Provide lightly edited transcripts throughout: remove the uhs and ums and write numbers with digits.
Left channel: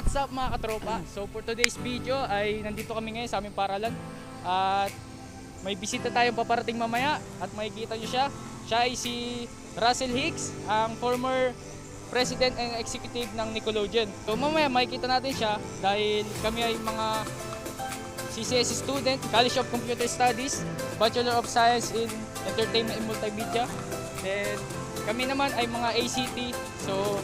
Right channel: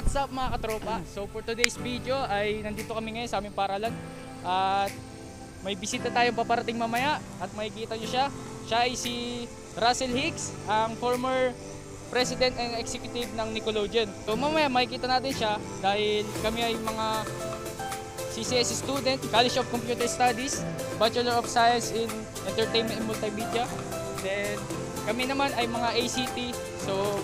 What's up mga katropa? So for today's video ay nandito kami ngayon sa aming paralan at may bisita tayong paparating mamaya at makikita nyo siya. Siya ay si Russell Hicks, ang former President and Executive ng Nickelodeon. So mamaya makikita natin siya dahil kami ay mga CCS student, College of Computer Studies, Bachelor of Science in Entertainment and Multimedia. Then kami naman ay mga ACT. So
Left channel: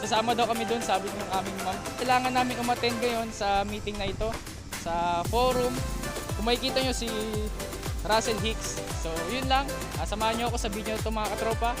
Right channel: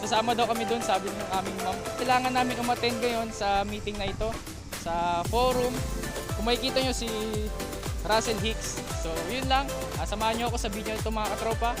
sasama daw kami doon, sabi ng aming ma'am. Kailangan namin umattend ngayon sa meeting na ito, sa forum. Kung makikita nyo si Russell Hicks. So yun lang, samahan nyo ako sa video nito mga katropa.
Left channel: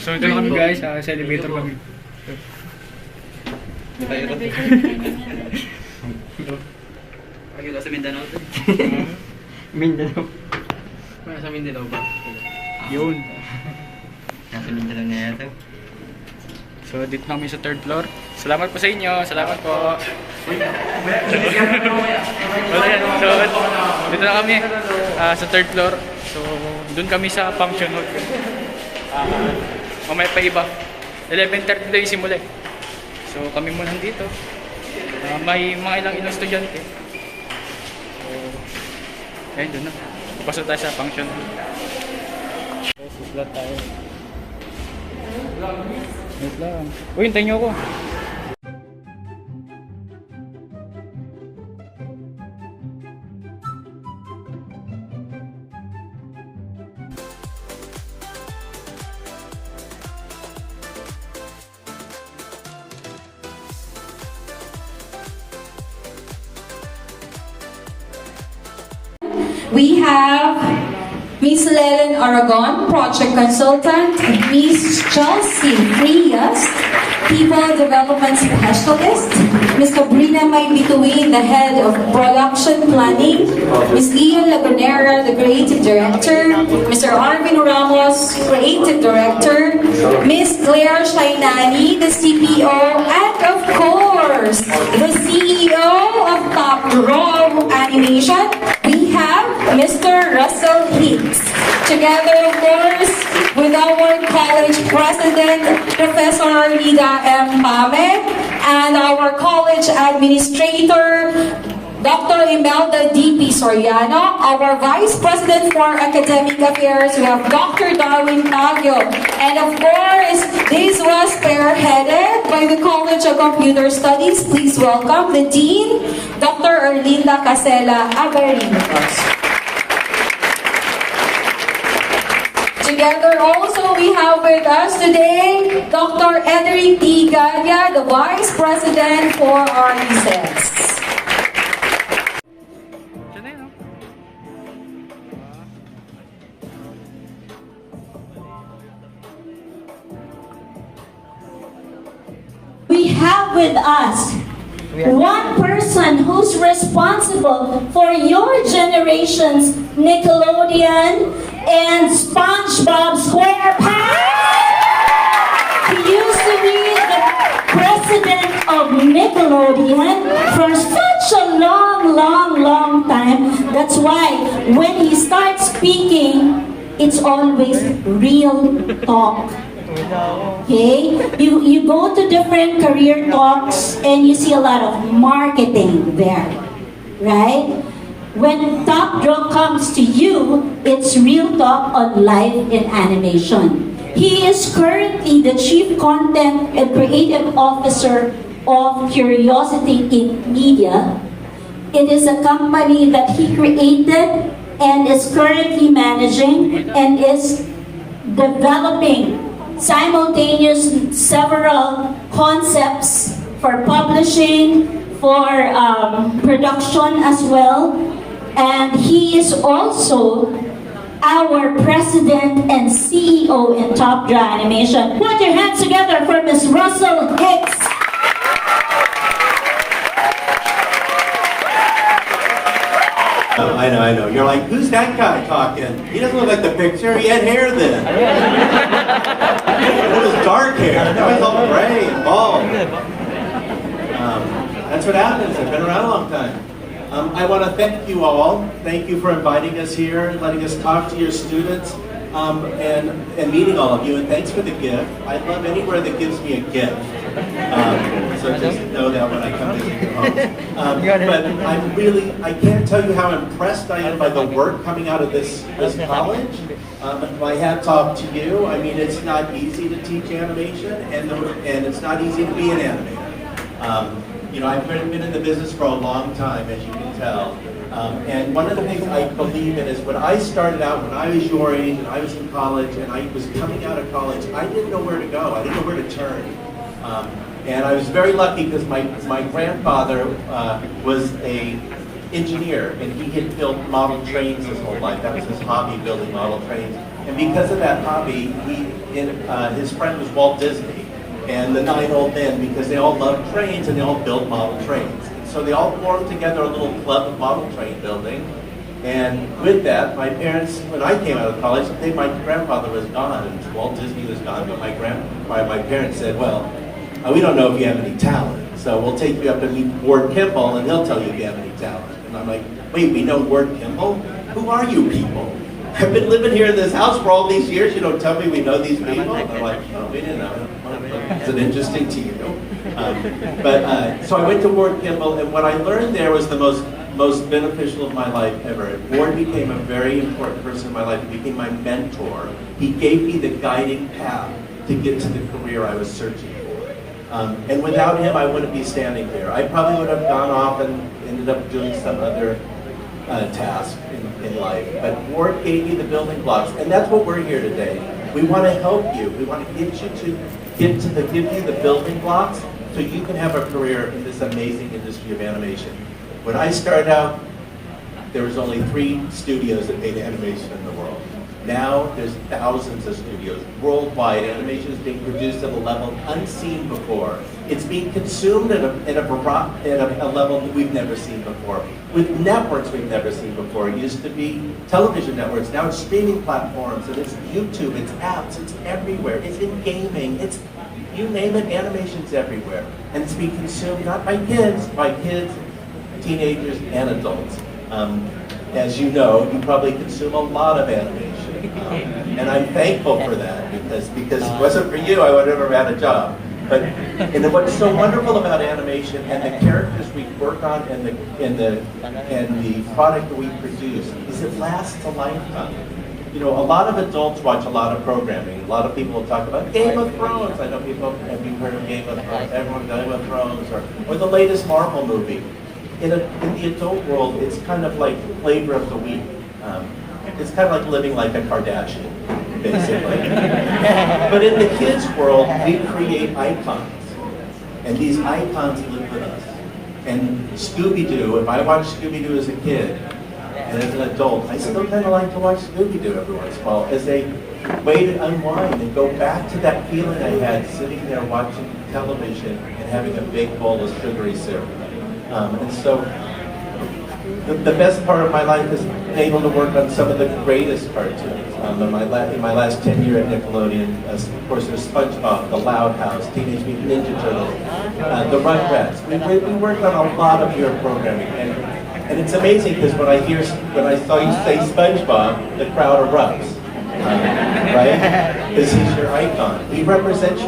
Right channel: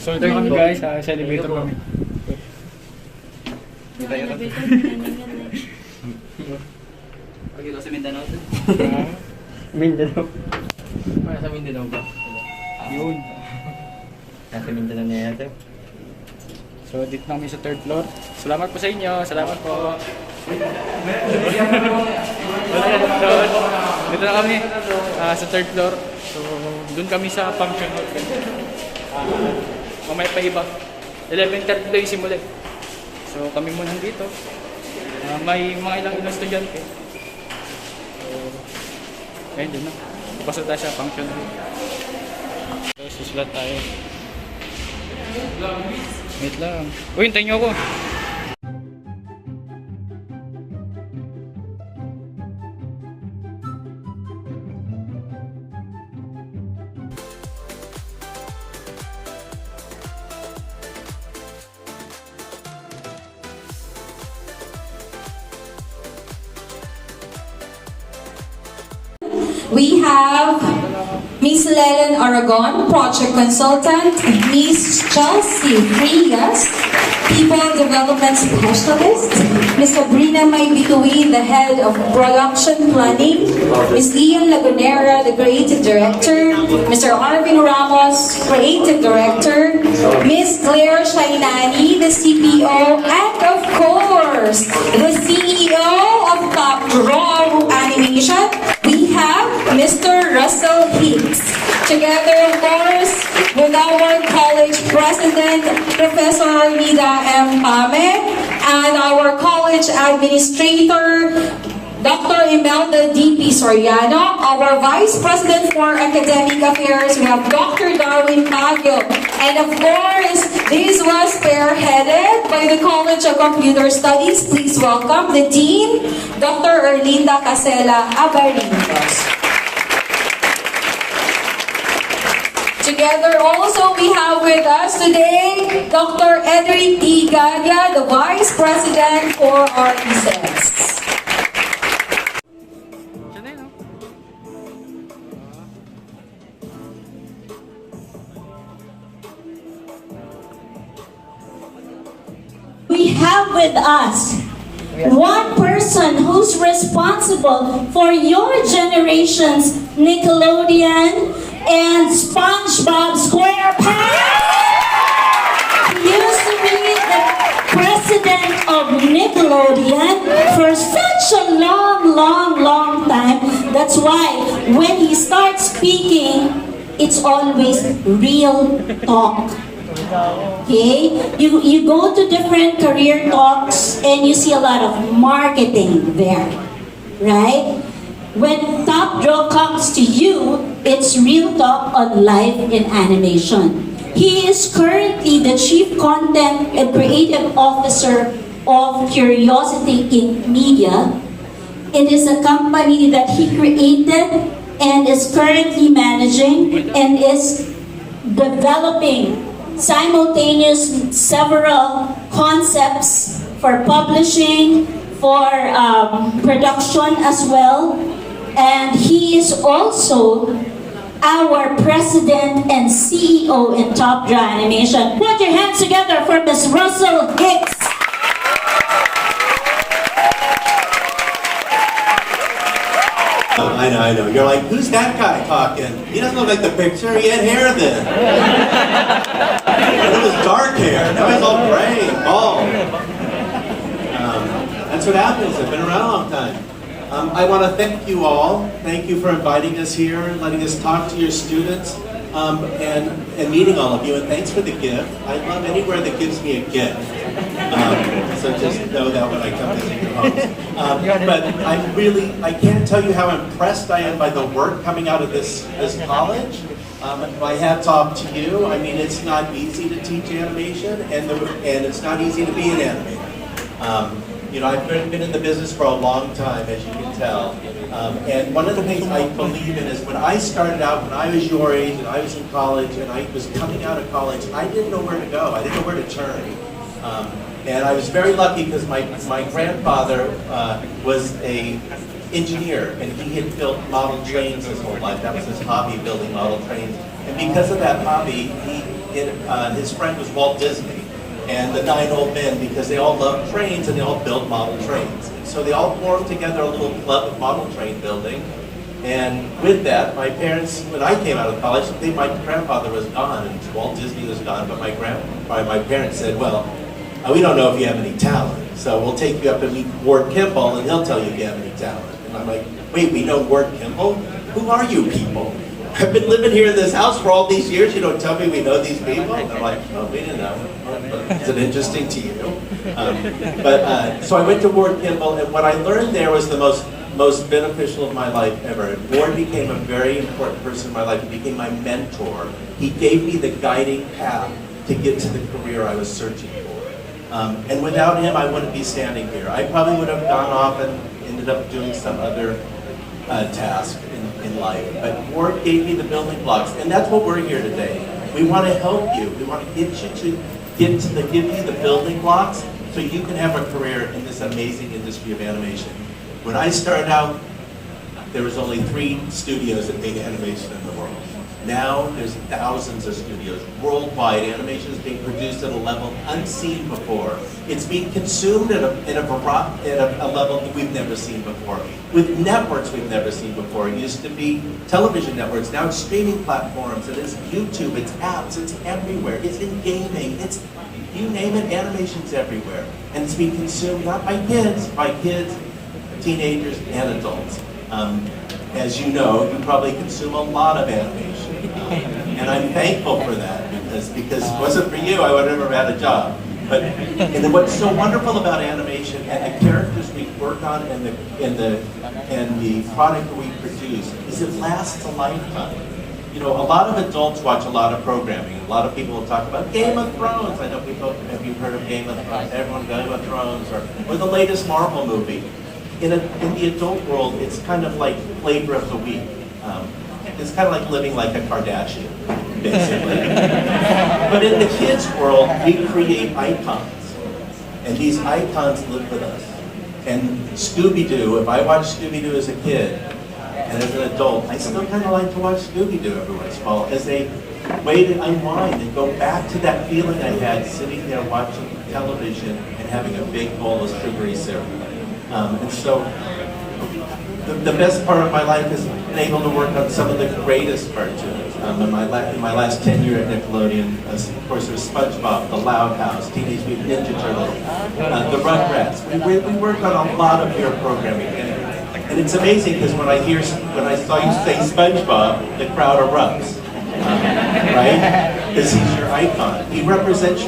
So ito kami guys, sa elevator kami. Pagkilo sa Mindanao to. Mindanao. Sa Mindanao ba? Yun. Nasa Mindanao na ito. So dito na kami sa third floor. Salamat po sa inyo. Salamat po. Wala yan. So dito na kami sa third floor. So doon kami sa function hall. Mamaya pa iba. 11:30 daw yung simula. So kami muna dito. May mga ilang estudyante. So ayun, doon na. Papasok tayo sa function hall. So susulat tayo. Wait lang. Uy, hintayin nyo ako. We have Miss Lelen Aragon, Project Consultant, Miss Chelsea Frias, People Development Specialist, Miss Sabrina Maybituin, the Head of Production Planning, Miss Ian Lagunera, the Creative Director, Mr. Arvin Ramos, Creative Director, Miss Claire Shainani, the CPO, and of course, the CEO of Top Grom Animation, we have Mr. Russell Hicks. Together, of course, with our college president, Professor Nida M. Pame, and our college administrator, Dr. Imelda D.P. Soriano, our Vice President for Academic Affairs, we have Dr. Darwin Taglio, and of course, this was spearheaded by the College of Computer Studies. Please welcome the Dean, Dr. Erlinda Casela Abarinos. Together also we have with us today Dr. Edric D. Gadia, the Vice President for RESES. We have with us one person who's responsible for your generation's Nickelodeon and SpongeBob SquarePants. He used to be the president of Nickelodeon for such a long time. That's why when he starts speaking, it's always real talk. Okay? You go to different career talks and you see a lot of marketing there. Right? When Top Draw comes to you, it's real talk on life in animation. He is currently the Chief Content and Creative Officer of Curiosity Inc. Media. It is a company that he created and is currently managing and is developing simultaneous several concepts for publishing, for production as well. And he is also our president and CEO in Top Draw Animation. Put your hands together for Ms. Russell Hicks. I know. You're like, who's that guy talking? He doesn't look like the picture. He had hair then. It was dark hair. Now he's all gray and bald. That's what happens. I've been around a long time. I want to thank you all. Thank you for inviting us here, letting us talk to your students, and meeting all of you. And thanks for the gift. I love anywhere that gives me a gift. So just know that when I come visit your homes. But I can't tell you how impressed I am by the work coming out of this college. My hat's off to you. I mean, it's not easy to teach animation, and it's not easy to be an animator. I've been in the business for a long time, as you can tell. And one of the things I believe in is when I started out, when I was your age, and I was in college, and I was coming out of college, I didn't know where to go. I didn't know where to turn. And I was very lucky because my grandfather was an engineer, and he had built model trains his whole life. That was his hobby, building model trains. And because of that hobby, his friend was Walt Disney and the 9 old men, because they all loved trains and they all built model trains. So they all formed together a little club of model train building. And with that, my parents, when I came out of college, my grandfather was gone and Walt Disney was gone, but my parents said, well, we don't know if you have any talent, so we'll take you up and meet Ward Kimball and he'll tell you if you have any talent. And I'm like, wait, we know Ward Kimball? Who are you people? I've been living here in this house for all these years, you don't tell me we know these people? And they're like, oh, we didn't know. Is it interesting to you? So I went to Ward Kimball, and what I learned there was the most beneficial of my life ever. Ward became a very important person in my life. He became my mentor. He gave me the guiding path to get to the career I was searching for. And without him, I wouldn't be standing here. I probably would have gone off and ended up doing some other task in life. But Ward gave me the building blocks, and that's what we're here today. We want to help you. We want to get you to give you the building blocks so you can have a career in this amazing industry of animation. When I started out, there was only 3 studios that made animation in the world. Now there's thousands of studios worldwide. Animation is being produced at a level unseen before. It's being consumed at a level that we've never seen before. With networks we've never seen before. It used to be television networks. Now it's streaming platforms. And it's YouTube. It's apps. It's everywhere. It's in gaming. It's, you name it, animation's everywhere. And it's being consumed not by kids, teenagers, and adults. As you know, you probably consume a lot of animation. And I'm thankful for that, because if it wasn't for you, I would have never had a job. And what's so wonderful about animation and the characters we work on and the product that we produce is it lasts a lifetime. A lot of adults watch a lot of programming. A lot of people will talk about Game of Thrones. I know people, have you heard of Game of Thrones? Everyone Game of Thrones, or the latest Marvel movie. In the adult world, it's kind of like flavor of the week. It's kind of like living like a Kardashian, basically. But in the kids' world, we create icons. And these icons live with us. And Scooby-Doo, if I watched Scooby-Doo as a kid, and as an adult, I still kind of like to watch Scooby-Doo every once in a while as a way to unwind and go back to that feeling I had sitting there watching television and having a big bowl of sugary syrup. And so the best part of my life is being able to work on some of the greatest cartoons. In my last tenure at Nickelodeon, of course, it was SpongeBob, The Loud House, Teenage Mutant Ninja Turtles, the Rugrats. We work on a lot of your programming, and it's amazing because when I saw you say SpongeBob, the crowd erupts, right? Because he's your icon. He represents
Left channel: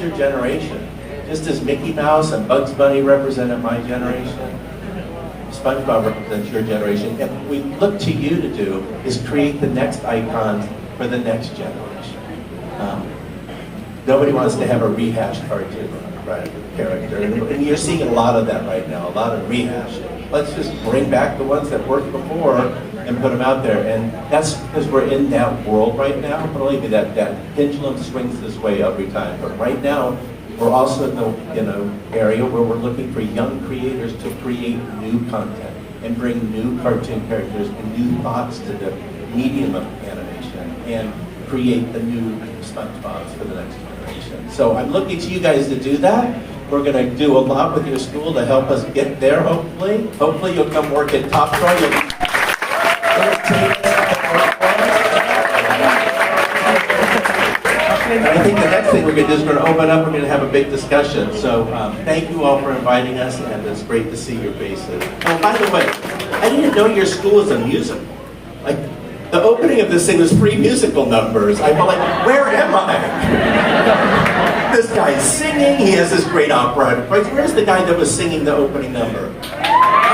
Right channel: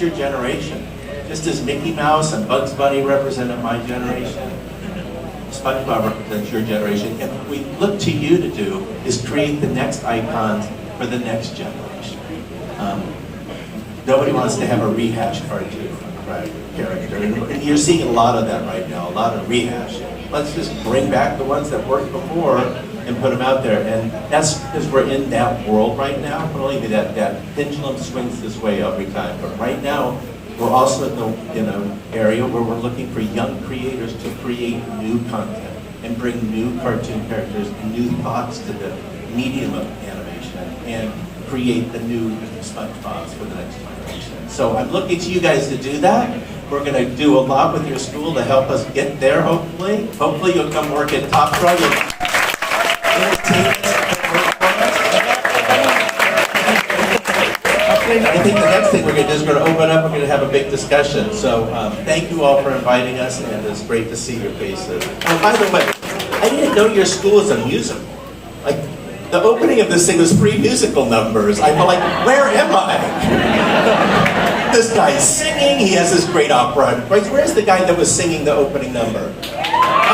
your generation. Just as Mickey Mouse and Bugs Bunny represented my generation, SpongeBob represents your generation. And what we look to you to do is create the next icons for the next generation. Nobody wants to have a rehashed cartoon, right, character. And you're seeing a lot of that right now, a lot of rehashing. let's just bring back the ones that worked before and put them out there. And that's because we're in that world right now. Believe me, that pendulum swings this way every time. But right now, we're also in an area where we're looking for young creators to create new content and bring new cartoon characters and new thoughts to the medium of animation and create the new SpongeBob's for the next generation. So I'm looking to you guys to do that. We're going to do a lot with your school to help us get there, hopefully. Hopefully you'll come work at Top Draw. You'll entertain us and work for us. And I think the next thing we're going to do is we're going to open up, we're going to have a big discussion. So thank you all for inviting us, and it's great to see your faces. Oh, by the way, I didn't know your school is a musical. Like, the opening of this thing was 3 musical numbers. I felt like, where am I? This guy's singing, he has this great opera. Where's the guy that was singing the opening number? Oh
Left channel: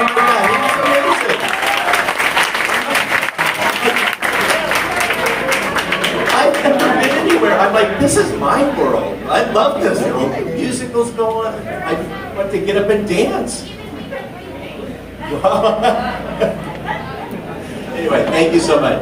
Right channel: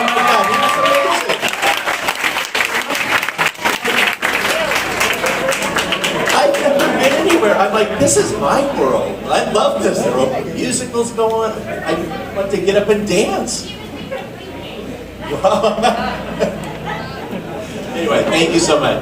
my God, he was amazing. I've never been anywhere. I'm like, this is my world. I love this. There will be musicals going on. I want to get up and dance. Anyway, thank you so much.